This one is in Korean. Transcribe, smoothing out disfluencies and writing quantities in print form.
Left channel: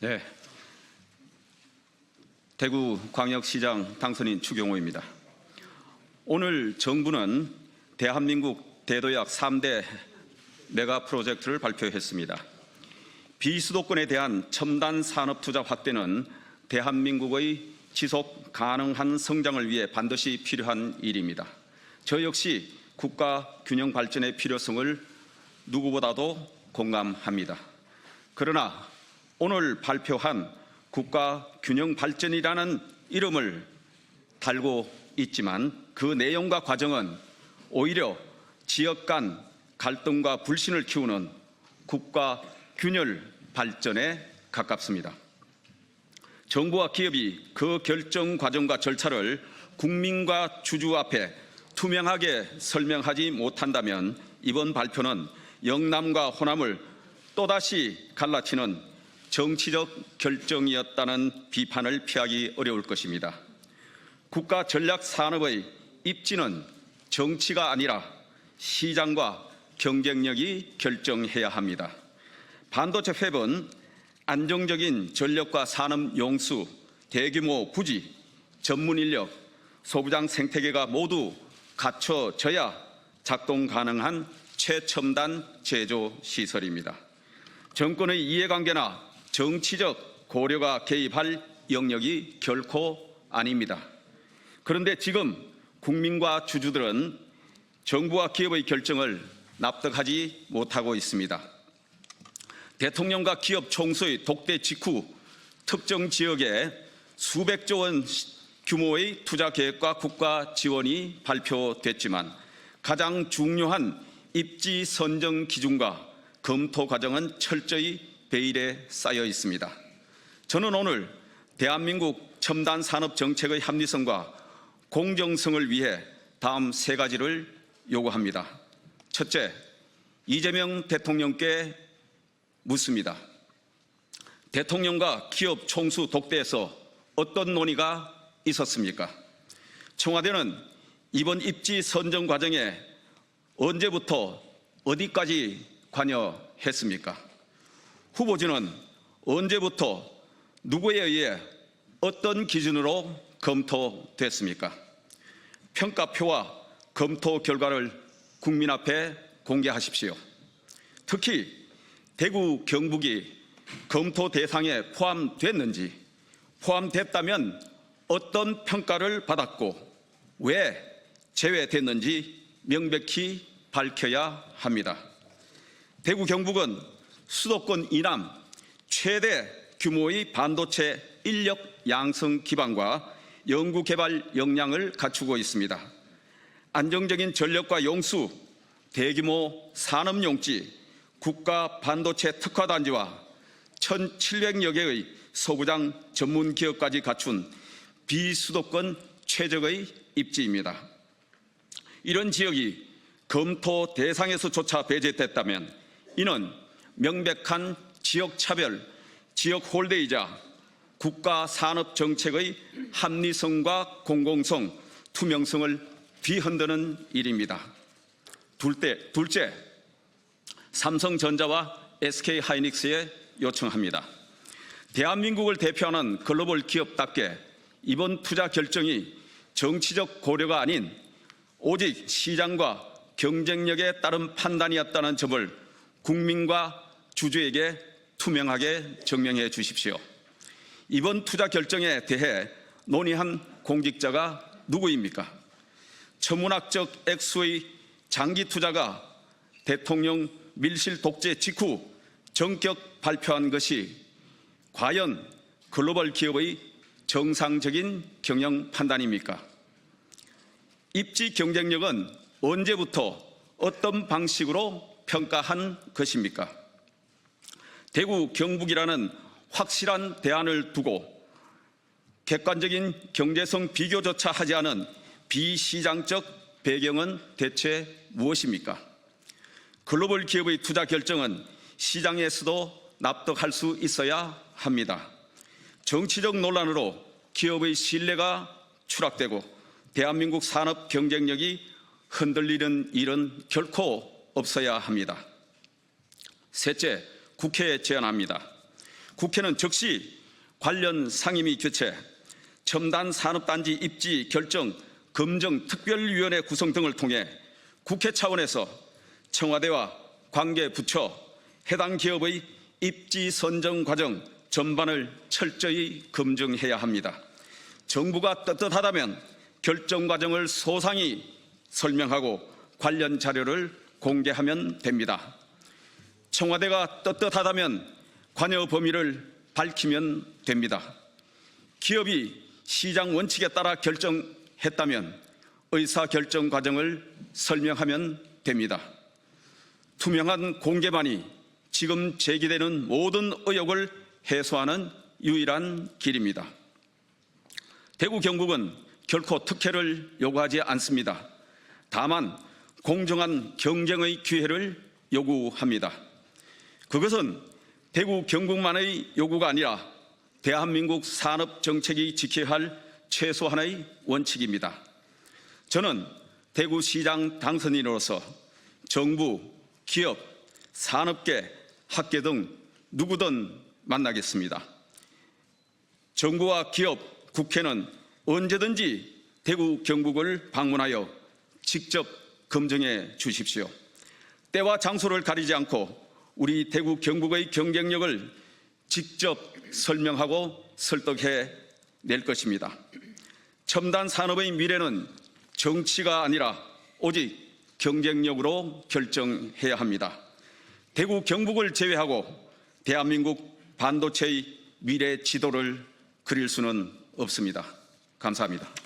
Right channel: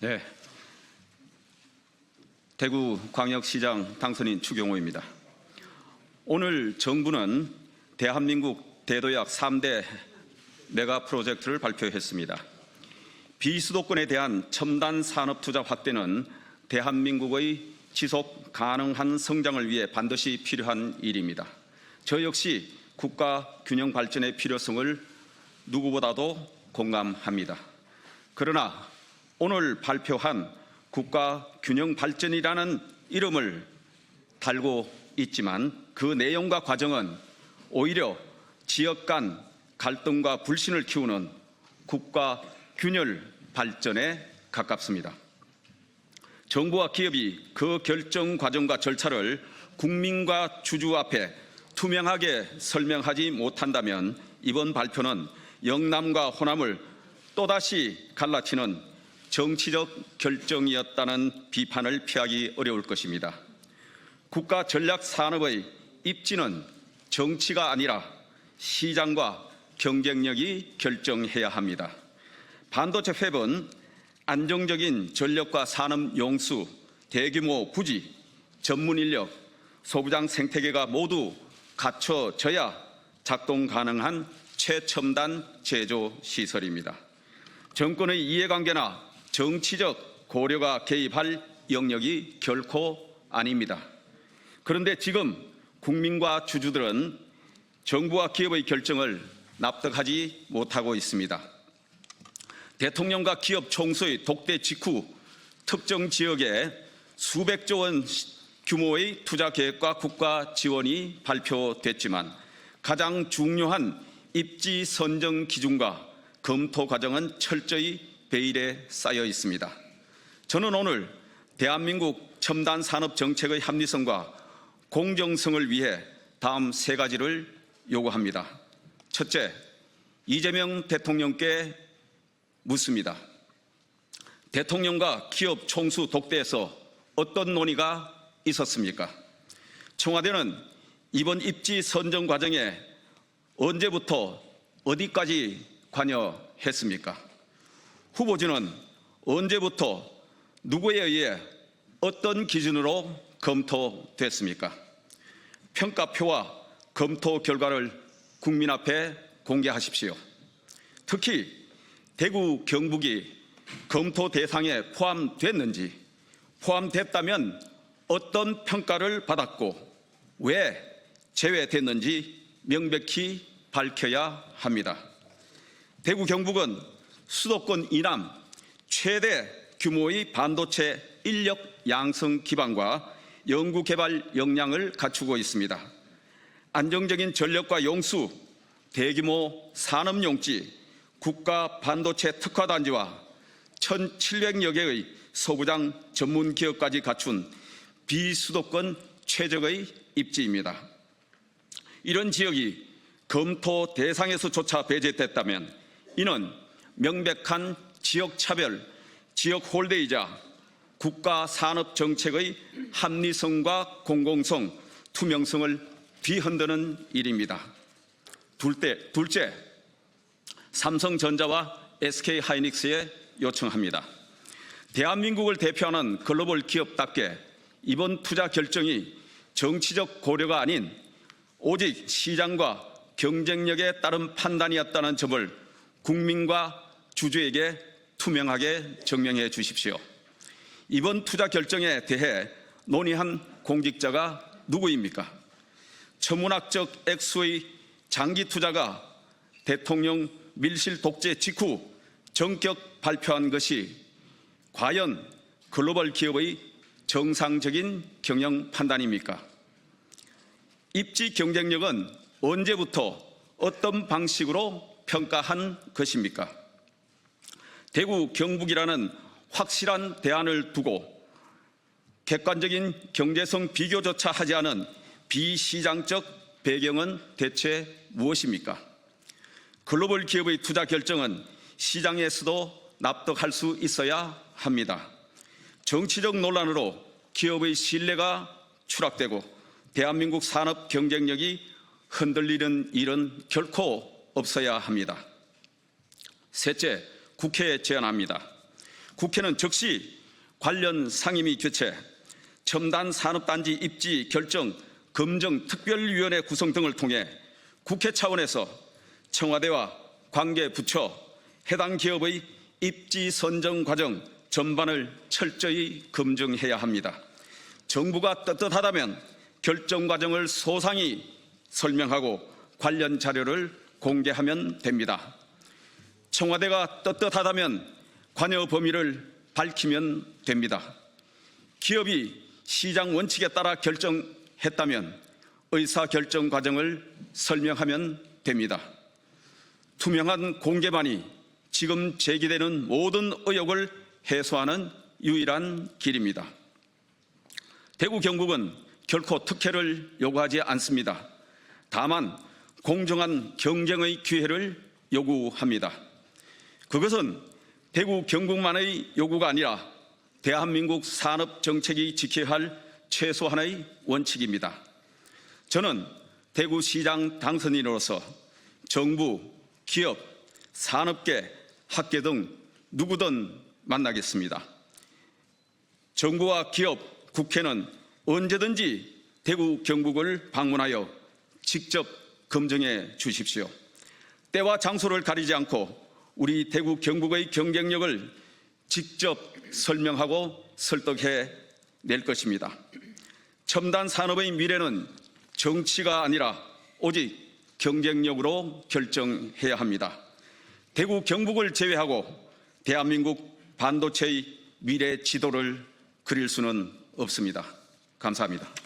네, 대구광역시장 당선인 추경호입니다. 오늘 정부는 대한민국 대도약 3대 메가 프로젝트를 발표했습니다. 비수도권에 대한 첨단 산업 투자 확대는 대한민국의 지속 가능한 성장을 위해 반드시 필요한 일입니다. 저 역시 국가 균형 발전의 필요성을 누구보다도 공감합니다. 그러나 오늘 발표한 국가 균형 발전이라는 이름을 달고 있지만 그 내용과 과정은 오히려 지역 간 갈등과 불신을 키우는 국가 균열 발전에 가깝습니다. 정부와 기업이 그 결정 과정과 절차를 국민과 주주 앞에 투명하게 설명하지 못한다면 이번 발표는 영남과 호남을 또다시 갈라치는 정치적 결정이었다는 비판을 피하기 어려울 것입니다. 국가 전략 산업의 입지는 정치가 아니라 시장과 경쟁력이 결정해야 합니다. 반도체 팹은 안정적인 전력과 산업 용수, 대규모 부지, 전문 인력, 소부장 생태계가 모두 갖춰져야 작동 가능한 최첨단 제조 시설입니다. 정권의 이해관계나 정치적 고려가 개입할 영역이 결코 아닙니다. 그런데 지금 국민과 주주들은 정부와 기업의 결정을 납득하지 못하고 있습니다. 대통령과 기업 총수의 독대 직후 특정 지역에 수백조 원 규모의 투자 계획과 국가 지원이 발표됐지만 가장 중요한 입지 선정 기준과 검토 과정은 철저히 베일에 쌓여 있습니다. 저는 오늘 대한민국 첨단 산업 정책의 합리성과 공정성을 위해 다음 세 가지를 요구합니다. 첫째, 이재명 대통령께 묻습니다. 대통령과 기업 총수 독대에서 어떤 논의가 있었습니까? 청와대는 이번 입지 선정 과정에 언제부터 어디까지 관여했습니까? 후보지는 언제부터 누구에 의해 어떤 기준으로 검토됐습니까? 평가표와 검토 결과를 국민 앞에 공개하십시오. 특히 대구 경북이 검토 대상에 포함됐는지, 포함됐다면 어떤 평가를 받았고 왜 제외됐는지 명백히 밝혀야 합니다. 대구 경북은 수도권 이남 최대 규모의 반도체 인력 양성 기반과 연구개발 역량을 갖추고 있습니다. 안정적인 전력과 용수, 대규모 산업용지, 국가 반도체 특화단지와 1,700여 개의 소부장 전문 기업까지 갖춘 비수도권 최적의 입지입니다. 이런 지역이 검토 대상에서조차 배제됐다면 이는 명백한 지역차별, 지역 홀대이자 국가 산업 정책의 합리성과 공공성, 투명성을 뒤흔드는 일입니다. 둘째, 삼성전자와 SK하이닉스에 요청합니다. 대한민국을 대표하는 글로벌 기업답게 이번 투자 결정이 정치적 고려가 아닌 오직 시장과 경쟁력에 따른 판단이었다는 점을 국민과 주주에게 투명하게 증명해 주십시오. 이번 투자 결정에 대해 논의한 공직자가 누구입니까? 천문학적 액수의 장기 투자가 대통령 밀실 독재 직후 전격 발표한 것이 과연 글로벌 기업의 정상적인 경영 판단입니까? 입지 경쟁력은 언제부터 어떤 방식으로 평가한 것입니까? 대구 경북이라는 확실한 대안을 두고 객관적인 경제성 비교조차 하지 않은 비시장적 배경은 대체 무엇입니까? 글로벌 기업의 투자 결정은 시장에서도 납득할 수 있어야 합니다. 정치적 논란으로 기업의 신뢰가 추락되고 대한민국 산업 경쟁력이 흔들리는 일은 결코 없어야 합니다. 셋째, 국회에 제안합니다. 국회는 즉시 관련 상임위 개최, 첨단 산업단지 입지 결정 검증 특별위원회 구성 등을 통해 국회 차원에서 청와대와 관계 부처, 해당 기업의 입지 선정 과정 전반을 철저히 검증해야 합니다. 정부가 떳떳하다면 결정 과정을 소상히 설명하고 관련 자료를 공개하면 됩니다. 청와대가 떳떳하다면 관여 범위를 밝히면 됩니다. 기업이 시장 원칙에 따라 결정했다면 의사결정 과정을 설명하면 됩니다. 투명한 공개만이 지금 제기되는 모든 의혹을 해소하는 유일한 길입니다. 대구 경북은 결코 특혜를 요구하지 않습니다. 다만 공정한 경쟁의 기회를 요구합니다. 그것은 대구 경북만의 요구가 아니라 대한민국 산업정책이 지켜야 할 최소한의 원칙입니다. 저는 대구시장 당선인으로서 정부, 기업, 산업계, 학계 등 누구든 만나겠습니다. 정부와 기업, 국회는 언제든지 대구 경북을 방문하여 직접 검증해 주십시오. 때와 장소를 가리지 않고 우리 대구 경북의 경쟁력을 직접 설명하고 설득해 낼 것입니다. 첨단 산업의 미래는 정치가 아니라 오직 경쟁력으로 결정해야 합니다. 대구 경북을 제외하고 대한민국 반도체의 미래 지도를 그릴 수는 없습니다. 감사합니다.